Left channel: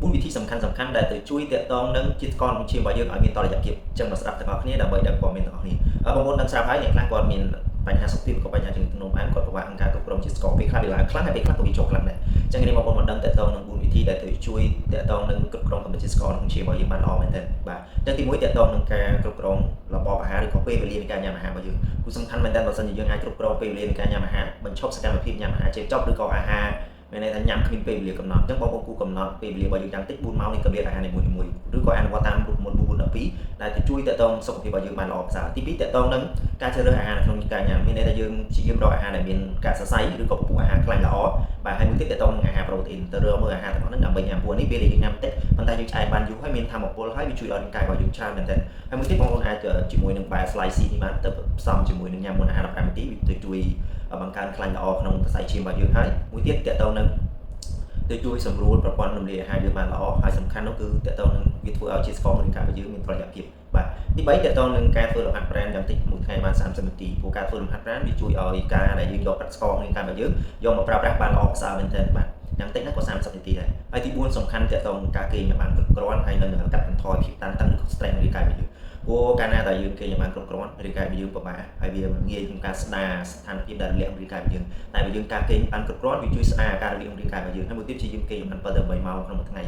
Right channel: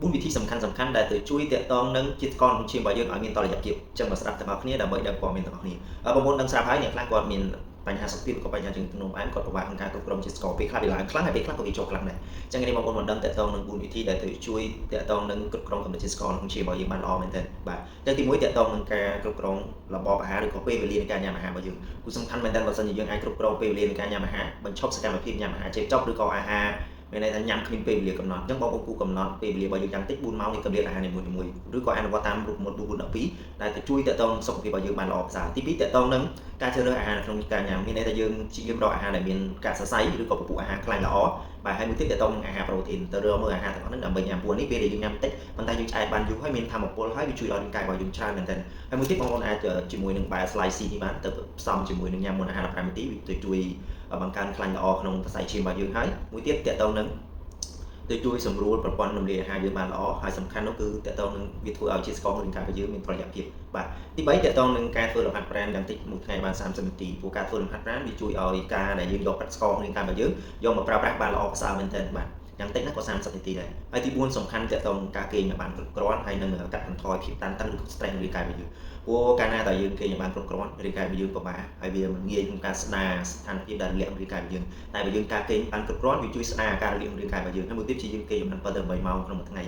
4វិធីសំខាន់ៗដែលទៅជួយទាក់ទងនឹងជាតិស្ករក្នុងឈាមរបស់យើងឲ្យមានតុល្យភាពចឹងមកស្ដាប់ទាំងអស់គ្នាដើម្បីដឹងព័ត៌មានទាំងអស់គ្នាបងប្អូនដឹងស្រាប់ហើយអ្នកខ្លះគាត់មានបញ្ហាសុខភាពក៏បញ្ហាជើងធ្នូផ្អែមគាត់ពិបាកក្នុងការគ្រប់គ្រងជាតិស្ករពេលខ្លះវាឡើងខ្លាំងហើយពេលខ្លះក៏វាចុះខ្លាំងដែរចឹងនេះបងប្អូនមកដឹងទាក់ទងនឹង4វិធីដែលទៅជួយទាក់ទងនឹងគ្រប់គ្រងកម្រិតជាតិស្ករក្នុងឈាមរបស់យើងបានល្អមែនទែនបាទចឹងទី1ទាក់ទងនឹងការគ្រប់គ្រងរបបអាហារឬក៏ពេលវេលានៃការញ៉ាំអាហាររបស់យើងគឺសំខាន់មែនទែនបើសិនជាយើងអាចគ្រប់គ្រងពេលវេលានៃការញ៉ាំអាហារបញ្ឈប់សកម្មភាពញ៉ាំអាហារចេះចប់ឬក៏អាហារមានន័យថាញ៉ាំគ្មានពេលវេលាកំណត់អញ្ចឹងបងប្អូនគូកំណត់ពេលវេលារបស់យើងយ៉ាងតិច4ម៉ោងនៃកម្រិតអាហារនីមួយៗឬក៏អនុវត្តតាមរូបមន្ត412ដែលទៅជួយទាក់ទងសុខភាពរបស់យើងបានល្អប្រសើរទី2ទាក់ទងនឹងការជ្រើសរើសអាហារក្នុងការញ៉ាំមានន័យថាយើងព្យាយាមរកអាហារដែលមានការសរសៃឬក៏ពពុះអាហារខ្លាញ់ល្អបាទហើយមួយទៀតទាក់ទងនឹងអាហារប្រូតេអ៊ីនទៅរកមើលអាហារទាំងអស់ហ្នឹងដើម្បីញ៉ាំពួកនេះពេលដែលយើងញ៉ាំតិចប៉ុន្តែយើងឆ្អែតបានយូរហើយមានថាមពលហើយវាជួយដល់រាងកាយរបស់យើងច្រើនមែនទែនហើយមួយទៀតបងប្អូនអាចជាមួយនឹងបែរ slice នេះបានទៅផ្សំជាមួយនឹងញ៉ាំមុនអាហារ15នាទីវាទៅជួយបង្កើនខ្លាញ់ល្អក្នុងសរសៃឈាមរបស់យើងហើយមួយទៀតទាក់ទងនឹងទៅជួយសម្រួលប្រព័ន្ធរំលាយអាហារយើងបានល្អហើយសំខាន់នោះគឺទាក់ទងនឹងវាធ្វើឲ្យជាតិស្ករក្នុងរាងកាយរបស់យើងមានតុល្យភាពបាទទី3ទាក់ទងនឹងការធ្វើលំហាត់ប្រាណយ៉ាងតិចមួយថ្ងៃបាន30នាទីព្រោះការធ្វើលំហាត់ប្រាណវាជួយឲ្យការដែលយើងយកទឹកស្ករក្នុងរាងកាយរបស់យើងយកមកប្រើប្រាស់បានល្អប្រសើរមែនទែនបាទយ៉ាងតិចណាស់ក៏30នាទីដែរហើយទី4សំខាន់ទាក់ទងនឹងការគេងឲ្យបានគ្រប់គ្រាន់ហើយនឹងកាត់បន្ថយភាពតានតឹងឬ stress ក្នុងរាងកាយរបស់យើងព្រោះកាលណាតែយើងគេងឲ្យបានគ្រប់គ្រាន់រាងកាយរបស់យើងពិបាកហើយវាងាយក្នុងការស្ដារស្ថានភាពដែលរលាកក្នុងរាងកាយរបស់យើងតែបើយើងការគេងបានគ្រប់គ្រាន់វាជួយស្ដារការរលាកក្នុងរាងកាយរបស់យើងហើយមួយទៀតជាយើងគេងបាន7 ទៅ8ម៉ោងក្នុងមួយថ្ងៃ